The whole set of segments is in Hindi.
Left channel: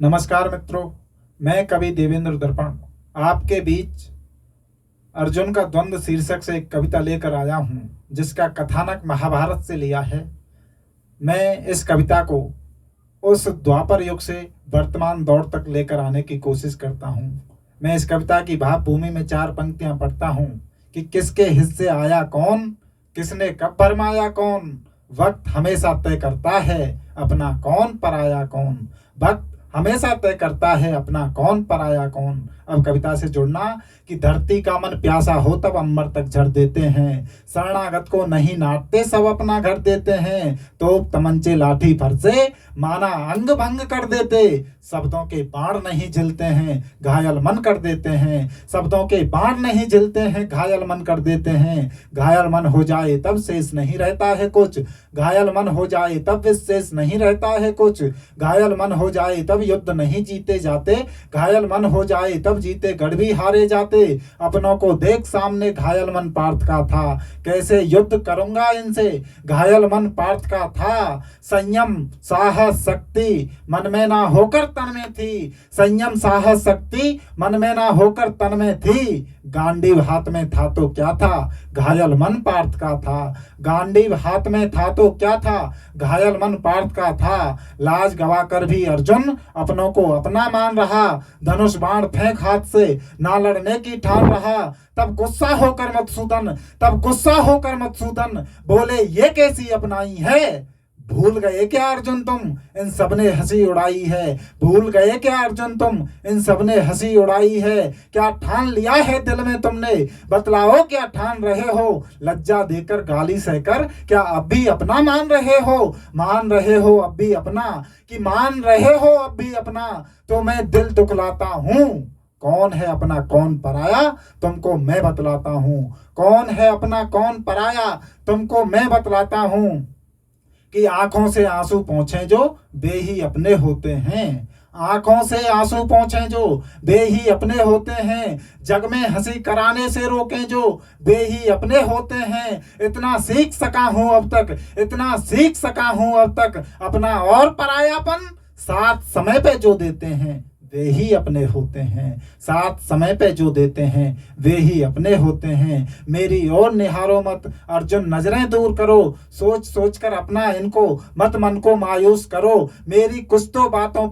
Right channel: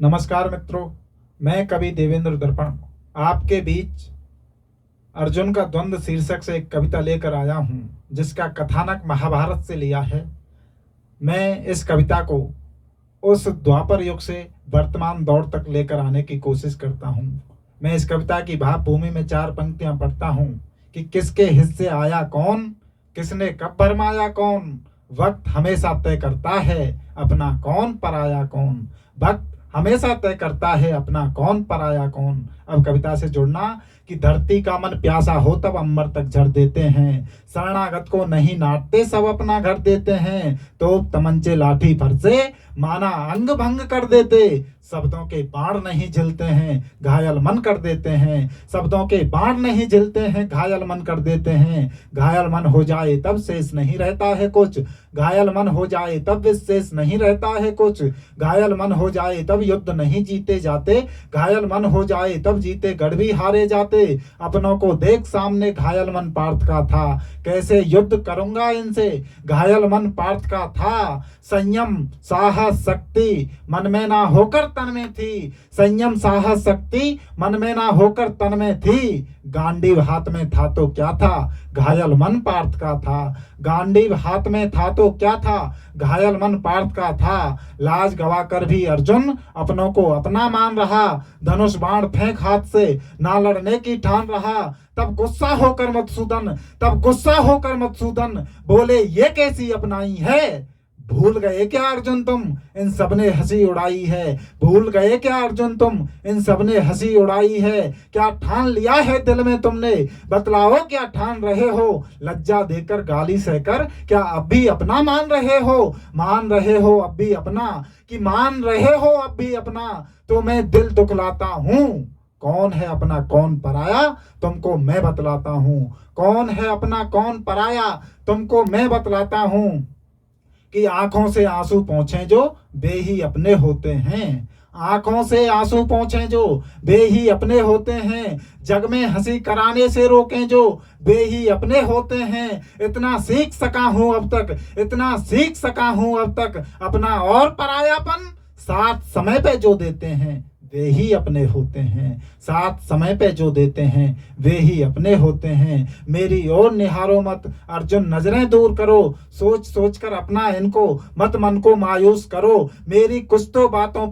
नमस्कार मित्रों, मैं कवि देवेंद्र दर्पण आपके बीच अर्जुन का द्वंद्व शीर्षक से एक कविता लेकर आया हूँ, जिसका कथानक महाभारत से लिया है। मैं इस कविता को उस द्वापर युग से वर्तमान दौर तक लेकर आने की कोशिश करता हूँ। मैं इस कविता की भाव भूमि में 4 पंक्तियां पढ़ता हूँ कि किसके हिस्से आया कौन, किसने कब भरमाया कौन, वक्त हमेशा तय करता है अपना कौन पराया कौन, वक्त हमेशा तय करता है अपना कौन पराया कौन। अब कविता से जुड़ना कि धरती का मन प्यासा हो तब अंबर तक झर देते हैं, शरणागत को नहीं नाटते सब अपना घर देते हैं, तोप तमंचे लाठी फरसे माना अंग भंग कर देते, शब्दों के बाण नहीं झिलते हैं घायल मन कर देते हैं, शब्दों के बाण नहीं झिलते हैं घायल मन कर देते हैं, घायल मन हो जाए तब शेष नहीं रहता है कुछ, घायल मन हो जाए तब विशेष नहीं रहता है कुछ, घायल मन हो जाए तब युद्ध नहीं जीते जाते, घायल मन हो जाए तब जीते गढ़ भी हारे जाते, अपनों को देख सामने घायल मन पार्थ का था, कैसे युद्ध करूंगा इनसे घायल मन पार्थ का था, संयम साहस शक्ति मन में ना होकर तन में थी, संयम साहस शक्ति मन में ना होकर तन में थी, गांडीव हाथ में था तो क्या था घायल मन पार्थ का था, गांडीव हाथ में था तो क्या था घायल मन पार्थ का था, लाज गवा कर भी अर्जुन अपनों को अपना मान रहा, धनुष बाण फेंक हाथ से ना लड़ने की ठान रहा, तब गुस्सा होकर मधुसूदन बोले ये कैसी अपनाई है, भूल गए क्या अर्जुन तुम इन सबने हंसी उड़ाई है, भूल गए क्या अर्जुन तुम इन सबने हंसी उड़ाई है, क्या ठान लिया है दिल में तुमने बतलाओ क्या ठान रहे हो, लज्जा देकर गाली सहकर क्या अब भी अपना मान रहे हो अब भी अपना, कि मान रहे हो अब भी अपना, तो मैं दिल दुखलाता हूँ, कौन है अपना कौन पराया तुमको मैं बतलाता हूँ, कौन है अपना कौन पराया तुमको मैं बतलाता हूँ, कि आंखों से आंसू पोंछे जो बे ही अपने होते हैं, आंखों से आंसू पोंछे जो बे ही अपने होते हैं, जग में हंसी कराने से रोकें जो बे ही अपने होते हैं, इतना सीख सका हूं अब तक अपना और परायापन साथ समय पे जो देते हैं वे ही अपने होते हैं, साथ समय पे जो देते हैं वे ही अपने होते हैं, मेरी ओर निहारो मत अर्जुन नजरें दूर करो, सोच कर अपना इनको मत मन को मायूस करो, मेरी कुछ तो बातों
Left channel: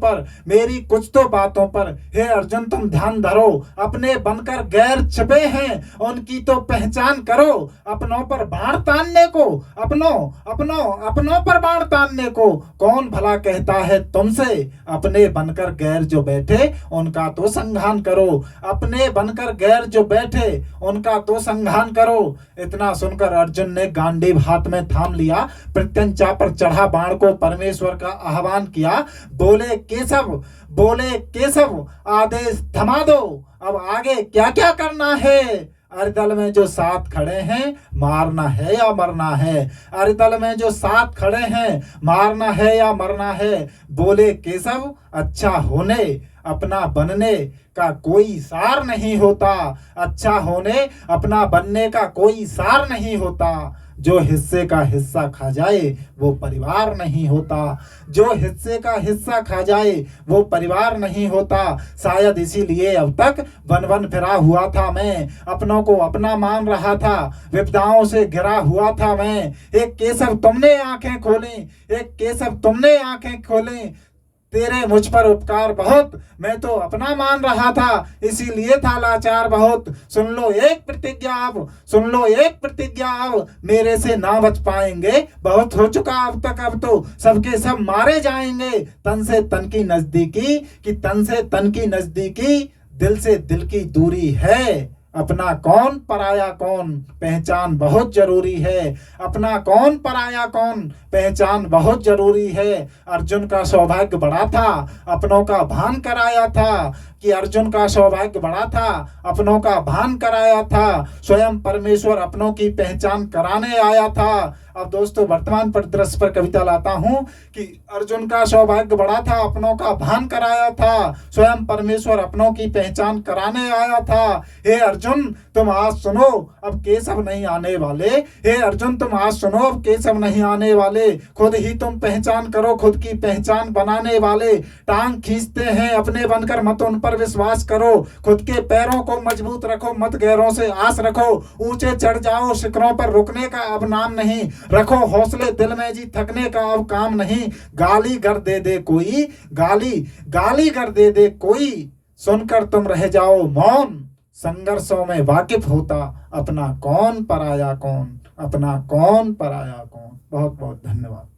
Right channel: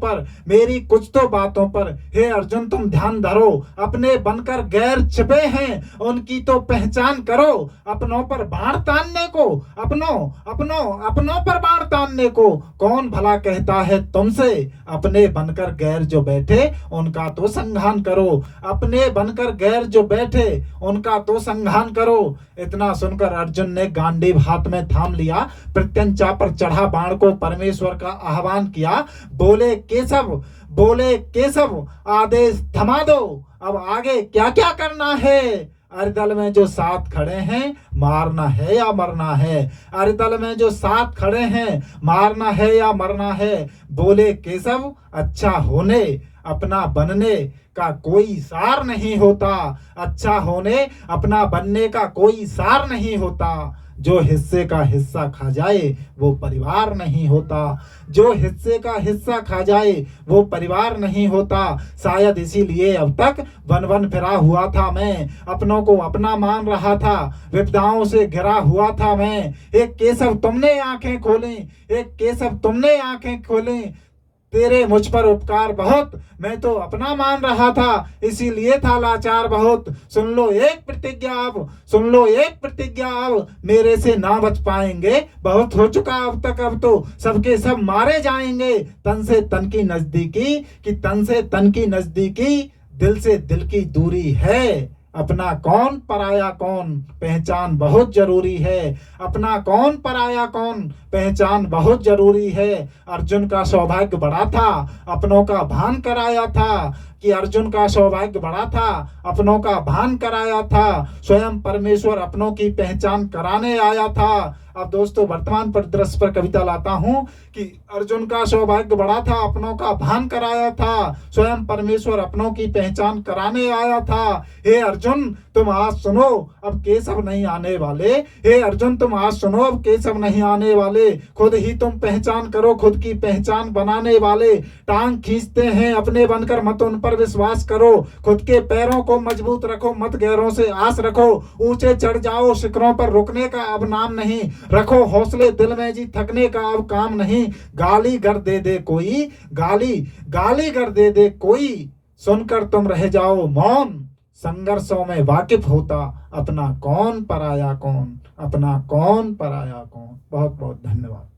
पर हे अर्जुन तुम ध्यान धरो, अपने बनकर गैर छिपे हैं उनकी तो पहचान करो, अपनों पर बाण तानने को कौन भला कहता है तुमसे, अपने बनकर गैर जो बैठे उनका तो संघान करो, अपने बनकर गैर जो बैठे उनका तो संघान करो। इतना सुनकर अर्जुन ने गांडीव हाथ में थाम लिया, प्रत्यंचा पर चढ़ा बाण को परमेश्वर का आह्वान किया, बोले केशव आदेश थमा दो, अब आगे क्या क्या करना है, अरे दल में जो साथ खड़े हैं मारना है या मरना है, अरे दल में जो साथ खड़े हैं मारना है या मरना है, बोले केशव अच्छा होने अपना बनने का कोई सार नहीं होता, अच्छा होने अपना बनने का कोई सार नहीं होता, जो हिस्से का हिस्सा खा जाए वो परिवार नहीं होता, जो हिस्से का हिस्सा खा जाए वो परिवार नहीं होता, शायद इसीलिए अब तक वन फिरा हुआ था मैं, अपनों को अपना मान रहा था, विपदाओं से घिरा हुआ था मैं, एक केशव तुमने आंखें खोलें, तेरे मुझ पर उपकार बहुत मैं तो अपना मान रहा था, इसीलिए था लाचार बहुत, सुन लो एक प्रतिज्ञा अब मेरे से ना बच पाएंगे, बहुत हो चुका अब तक, अब तो सबके सब मारे जाएंगे, तन से तन की नजदीकी दिल से दिल की दूरी है, अपना कौन पराया कौन पहचान बहुत जरूरी है, अपना कौन पराया कौन पहचान बहुत जरूरी है। अर्जुन का सौभाग्य बड़ा था अपनों का भान कराया था, स्वयं परमेश्वर अपनों की पहचान कराने आया था, अब दोस्तों वर्तमान परिदृश्य पर कविता लाता हूं कि अर्जुन का सौभाग्य बड़ा था, अपनों का भान कराया था, स्वयं परमेश्वर अपनों की पहचान कराने आया था। हे अर्जुन तुम आज सुनो, अब केशव नहीं आने वाले। हे अर्जुन तुम आज सुनो, अब केशव नहीं आने वाले। खुद ही तुम पहचान करो, खुद की पहचान बनाने वाले। टांग खींचते हैं अपने बनकर, मत उन पर विश्वास करो। खुद के पैरों को मजबूत रखो, मत गैरों से आस रखो। ऊंचे चढ़ जाओ शिखरों पर, रुकने का अब नाम नहीं। रखो हौसले दिल में जी, थकने का अब काम नहीं। गाली गर दे दे कोई, गाली गर दे दे कोई, सुनकर तुम रह जाओ मौन। संघर्षों में वाकिफ होता, अपना कौन पराया कौन, अपना कौन पराया कौन। बहुत बहुत धन्यवाद।